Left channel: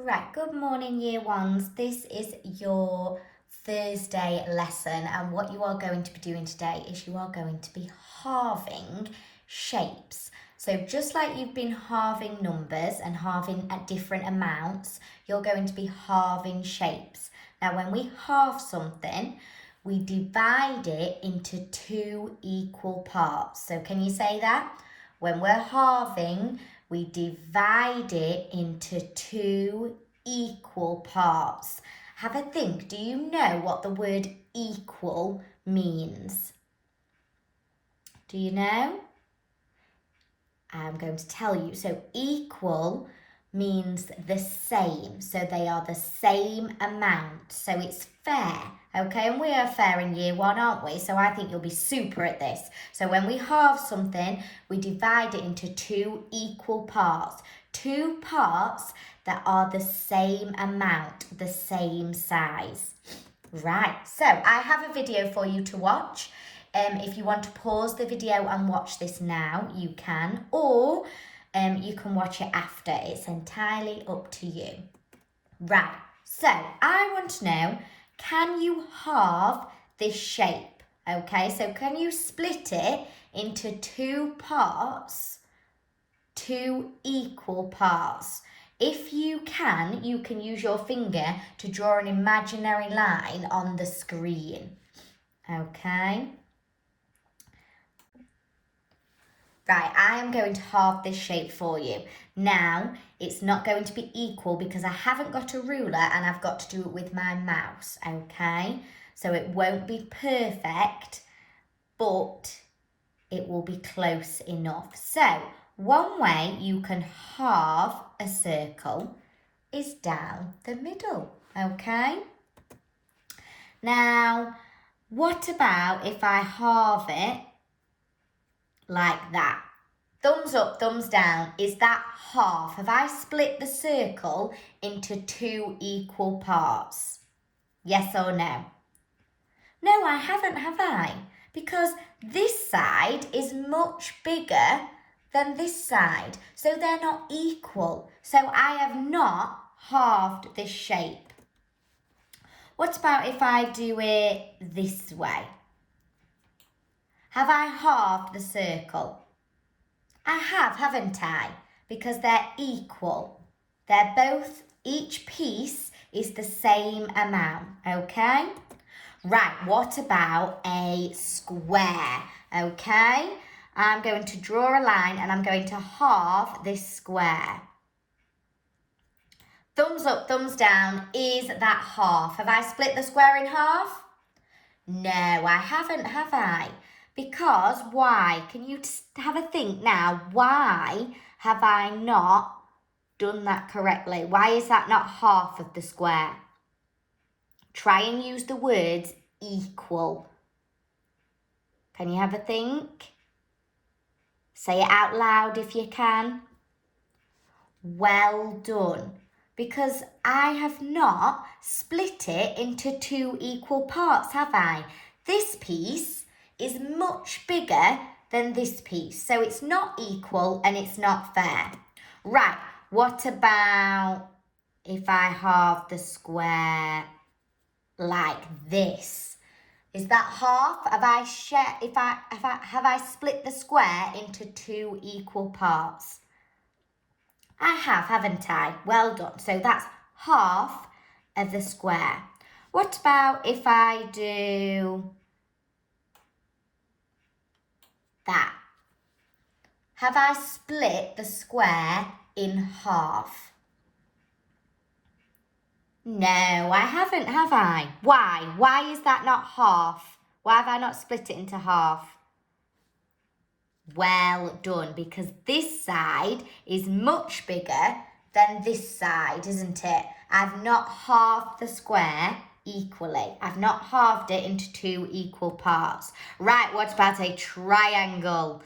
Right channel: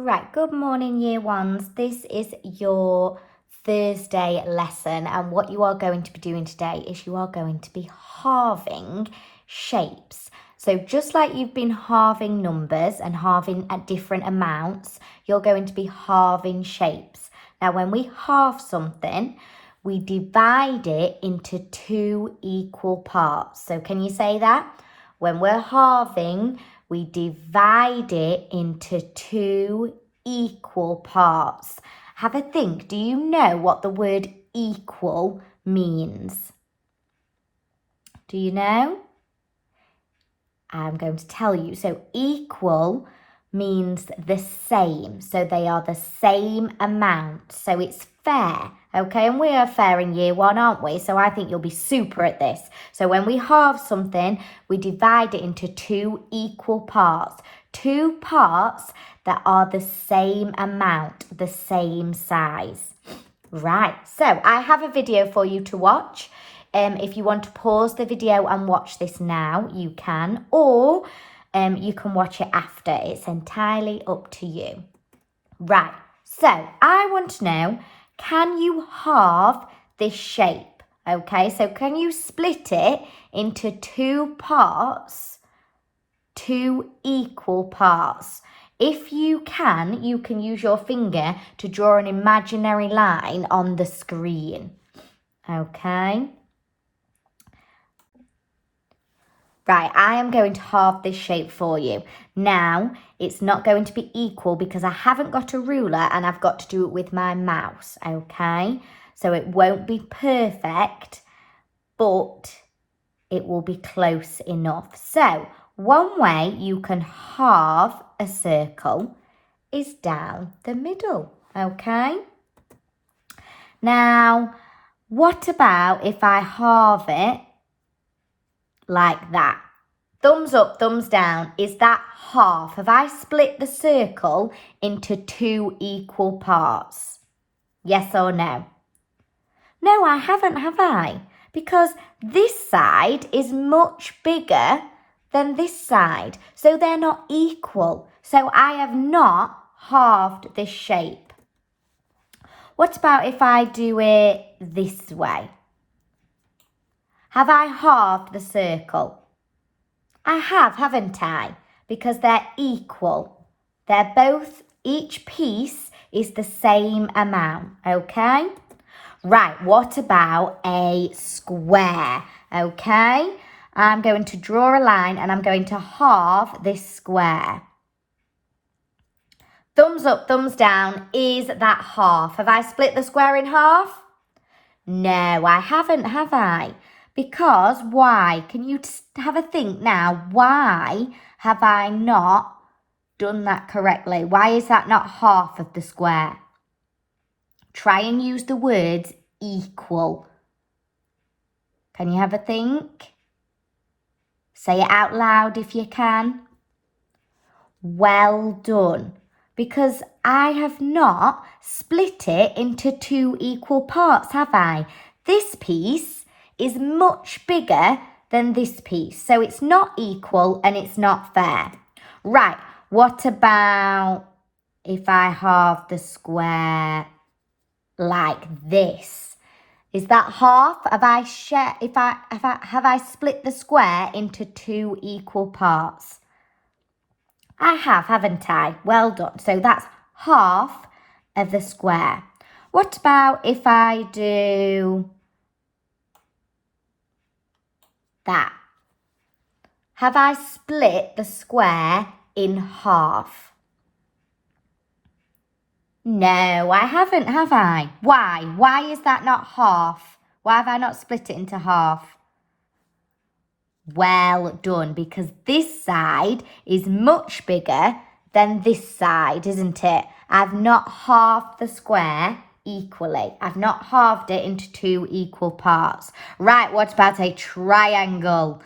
Right, good morning, year ones. This is your Thursday lesson, and what you are going to be doing today is you are going to be halving shapes. So just like you've been halving numbers and halving at different amounts, you're going to be halving shapes. Now, when we halve something, we divide it into two equal parts. So can you say that? When we're halving, we divide it into two equal parts. Have a think. Do you know what the word equal means? Do you know? I'm going to tell you. So equal means the same. So they are the same amount. So it's fair. Okay, and we are fair in year one, aren't we? So I think you'll be super at this. So when we halve something, we divide it into two equal parts. Two parts that are the same amount, the same size. Right, so I have a video for you to watch. If you want to pause the video and watch this now, you can, or you can watch it after. It's entirely up to you. Right, so I want to know, can you halve this shape? Okay, so can you split it into two parts, two equal parts? If you can use your finger to draw an imaginary line on the screen. Okay. Right, I am going to halve this shape for you. Now, it's not going to be equal because I haven't got a ruler and I've got to do it with my mouse, okay? So it won't be perfect, but it will be close enough. So, one way you can halve a circle is down the middle, okay? Now, what about if I halve it like that? Thumbs up, thumbs down. Is that half? Have I split the circle into two equal parts? Yes or no? No, I haven't, have I? Because this side is much bigger than this side. So they're not equal. So I have not halved this shape. What about if I do it this way? Have I halved the circle? I have, haven't I? Because they're equal. They're both, each piece is the same amount, okay? Right, what about a square, okay? I'm going to draw a line and I'm going to halve this square. Thumbs up, thumbs down. Is that half? Have I split the square in half? No, I haven't, have I? Because why? Can you have a think now? Why have I not done that correctly? Why is that not half of the square? Try and use the words equal. Can you have a think? Say it out loud if you can. Well done. Because I have not split it into two equal parts, have I? This piece is much bigger than this piece. So it's not equal and it's not fair. Right, what about if I halve the square like this? Is that half? Have I split the square into two equal parts? I have, haven't I? Well done. So that's half of the square. What about if I do that? Have I split the square in half? No, I haven't, have I? Why? Why is that not half? Why have I not split it into half? Well done, because this side is much bigger than this side, isn't it? I've not halved the square equally. I've not halved it into two equal parts. Right, what about a triangle?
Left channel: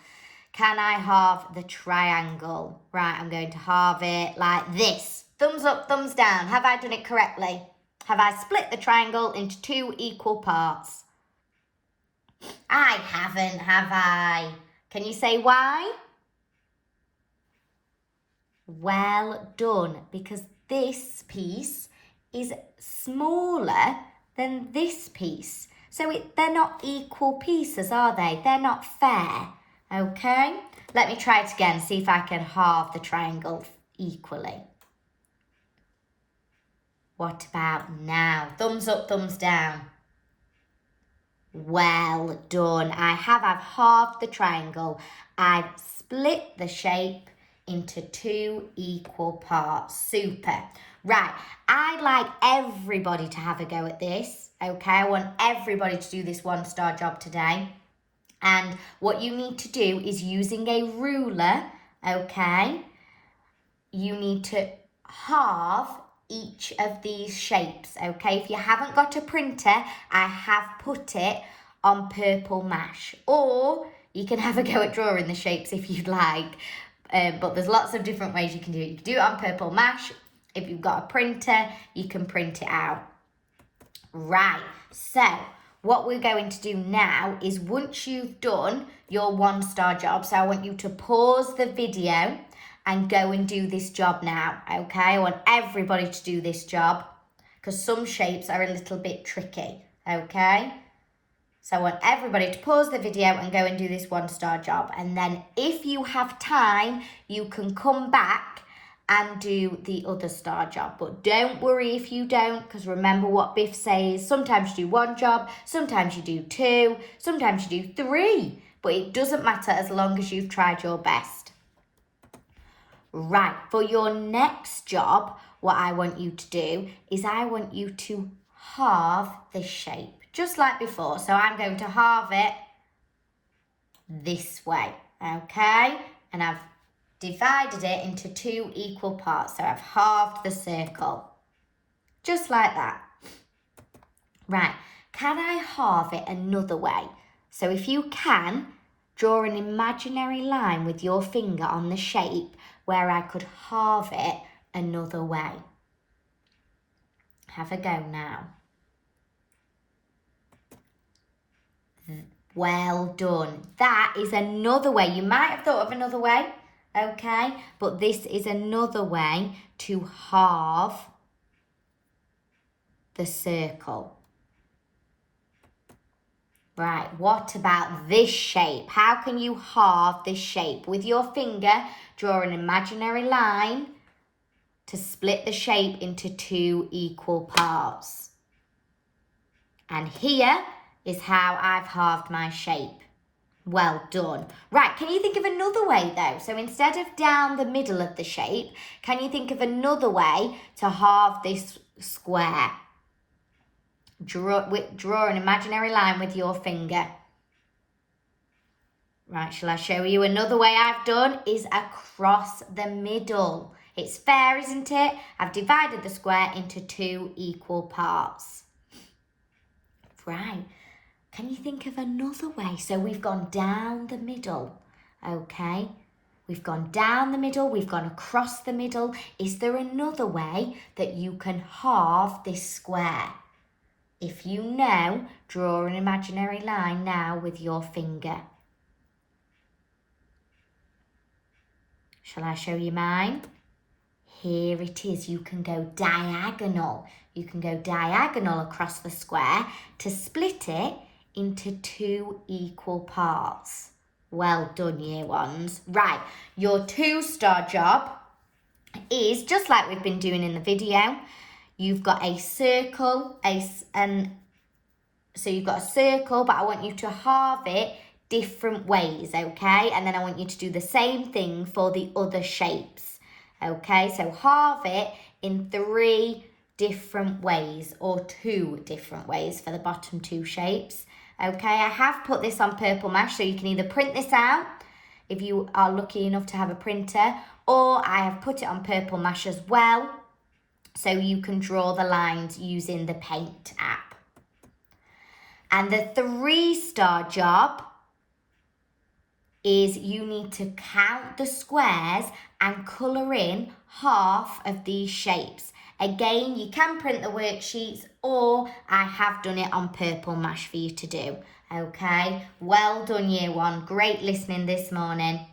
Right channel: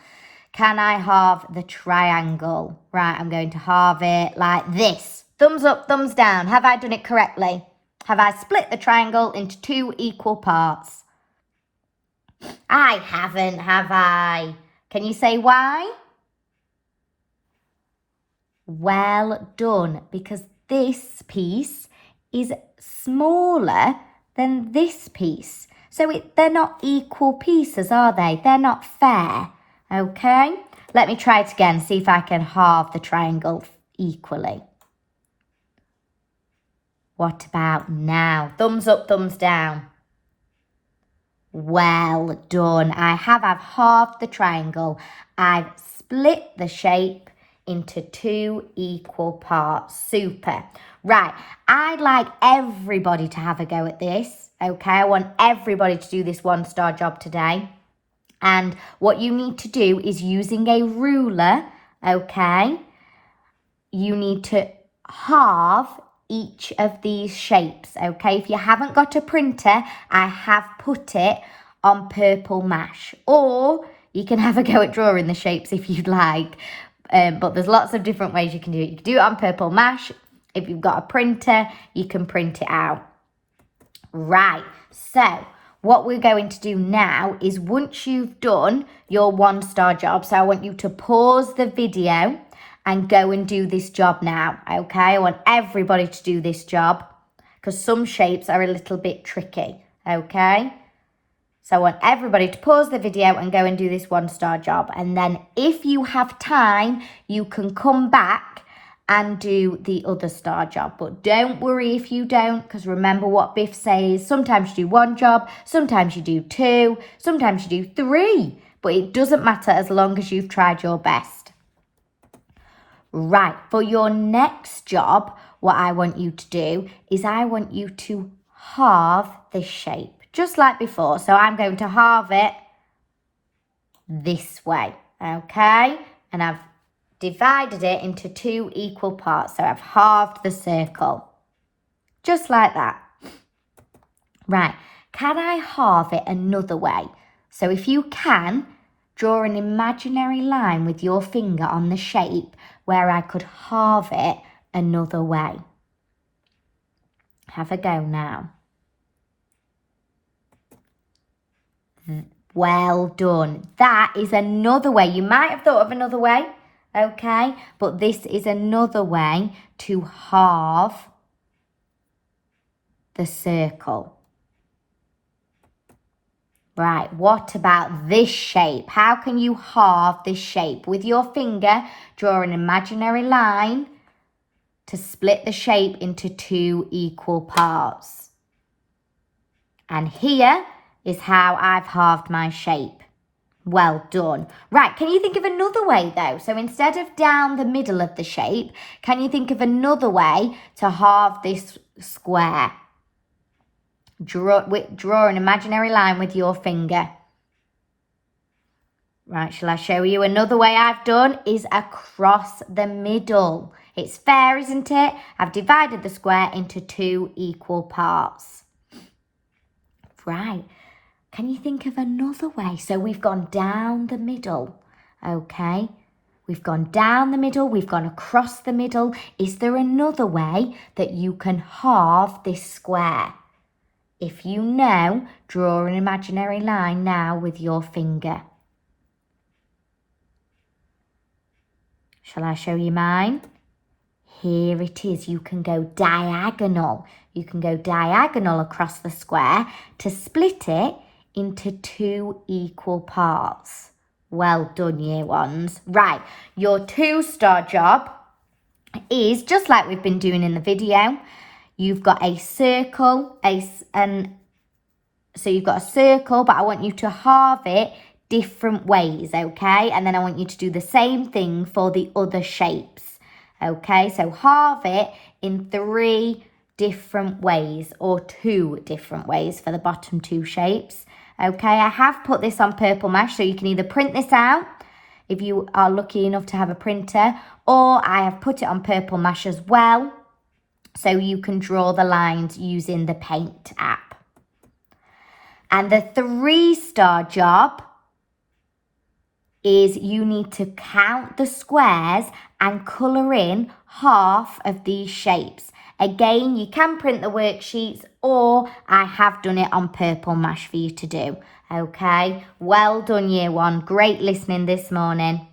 Can I halve the triangle? Right, I'm going to halve it like this. Thumbs up, thumbs down. Have I done it correctly? Have I split the triangle into two equal parts? I haven't, have I? Can you say why? Well done, because this piece is smaller than this piece. So they're not equal pieces, are they? They're not fair, okay? Let me try it again, see if I can halve the triangle equally. What about now? Thumbs up, thumbs down. Well done. I've halved the triangle. I've split the shape into 2 equal parts. Super. Right, I'd like everybody to have a go at this, okay? I want everybody to do this 1-star job today. And what you need to do is, using a ruler, okay, you need to halve each of these shapes, okay? If you haven't got a printer, I have put it on purple mash, or you can have a go at drawing the shapes if you'd like, but there's lots of different ways you can do it. You can do it on purple mash. If you've got a printer, you can print it out. Right, so what we're going to do now is, once you've done your 1-star job, so I want you to pause the video and go and do this job now, okay? I want everybody to do this job because some shapes are a little bit tricky, okay? So I want everybody to pause the video and go and do this 1-star job. And then if you have time, you can come back and do the other star job. But don't worry if you don't, because remember what Biff says, sometimes you do 1 job, sometimes you do 2, sometimes you do 3. But it doesn't matter as long as you've tried your best. Right, for your next job, what I want you to do is, I want you to halve this shape, just like before. So I'm going to halve it this way, okay? And I've divided it into 2 equal parts. So I've halved the circle, just like that. Right, can I halve it another way? So if you can, draw an imaginary line with your finger on the shape where I could halve it another way. Have a go now. Well done. That is another way. You might have thought of another way, okay? But this is another way to halve the circle. Right, what about this shape? How can you halve this shape? With your finger, draw an imaginary line to split the shape into 2 equal parts. And here is how I've halved my shape. Well done. Right, can you think of another way though? So instead of down the middle of the shape, can you think of another way to halve this square? Draw an imaginary line with your finger. Right, shall I show you another way I've done? Is across the middle. It's fair, isn't it? I've divided the square into 2 equal parts. Right, can you think of another way? So we've gone down the middle, okay? We've gone down the middle, we've gone across the middle. Is there another way that you can halve this square? If you know, draw an imaginary line now with your finger. Shall I show you mine? Here it is. You can go diagonal. You can go diagonal across the square to split it into 2 equal parts. Well done, year ones. Right, your 2-star job is just like we've been doing in the video. You've got a circle, so you've got a circle, but I want you to halve it different ways, okay? And then I want you to do the same thing for the other shapes, okay? So halve it in 3 different ways, or 2 different ways for the bottom 2 shapes, okay? I have put this on purple mash, so you can either print this out if you are lucky enough to have a printer, or I have put it on purple mash as well, so you can draw the lines using the paint app. And the 3-star job is, you need to count the squares and colour in half of these shapes. Again, you can print the worksheets, or I have done it on purple mash for you to do. Okay, well done year 1. Great listening this morning.